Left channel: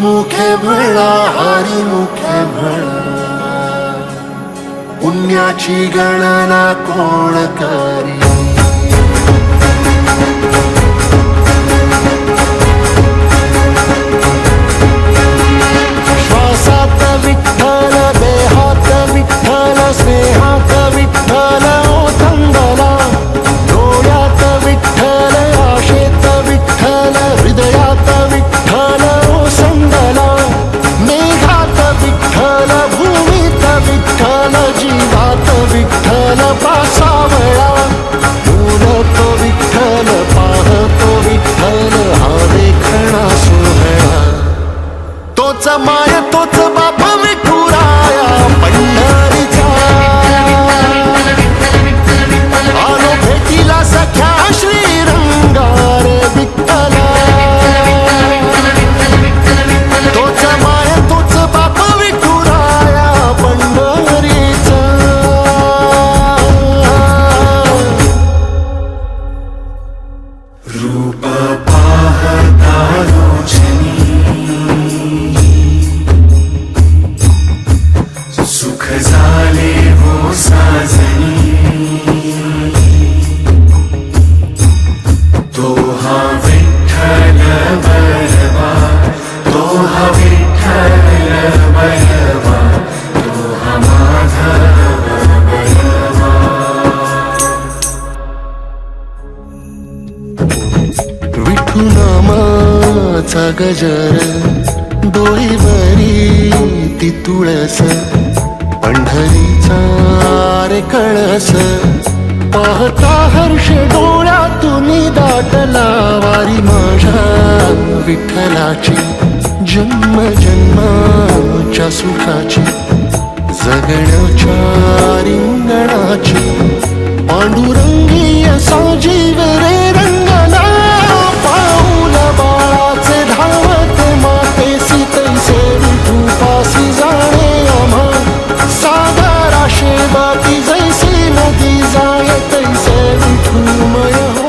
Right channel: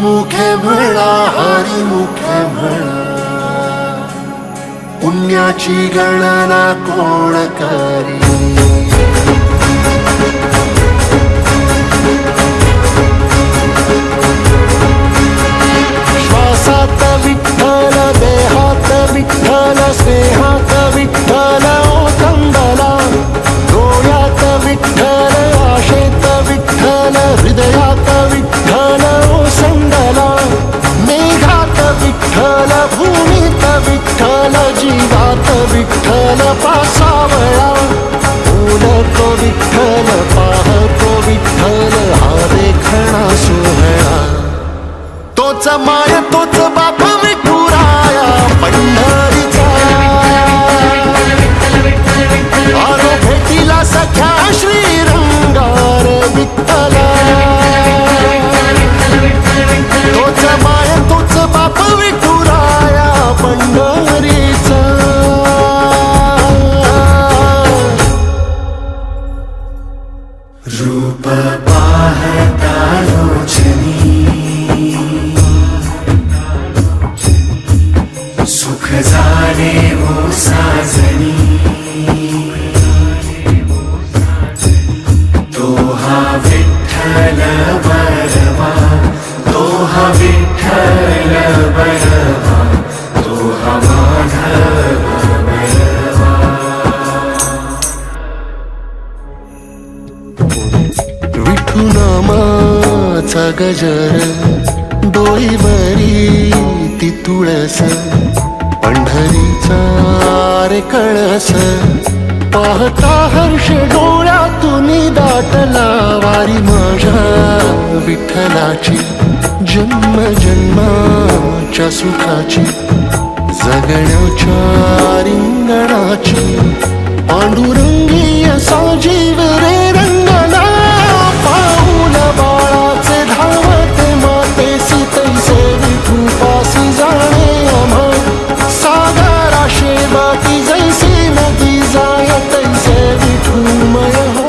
मुखे म्हणा, हरी मुखे म्हणा, पुण्याची गणना कोण करी. श्वासात विठ्ठल, देहात विठ्ठल, स्नेहात विठ्ठल ओथंबला. डोळ्यात विठ्ठल, आशेत विठ्ठल, हृदयात विठ्ठल ओसंडला. मेघात विठ्ठल, भूमीत विठ्ठल, जीवात विठ्ठल पासावळा. बोलतो विठ्ठल, पाहतो विठ्ठल, हा देखणा सोहळा. तोच माय तोच बाप विठुराया पंढरीचा. आलो भेटीला सख्या श्रीरंगार विठ्ठला. तोच माय तोच बाप विठुराया पंढरीचा. रूप पाहता लोचनी, सुख झाले हो साजनी. तो हा विठ्ठल बरवा, तो हा विठ्ठल बरवा, तो हा माधव बरवा. विठू नामाचा गजर, डोईवरी ती तुळस. पंढरीचा रे कळस, पाहता हर्ष डोळ्यातून दाटला. वारी माझ्या विठ्ठलाची, जन्म जन्माच्या सुखाची, जगण्याच्या रिंगणाची. पांडुरंगी असा जीव रे रंगला. पाऊल बाळाचे धावत मातेसी, तैसे विठू पासी जाणे आम्हा. सागराशे बाटी जैसे नदी जाय, तैसे विठूमय हो.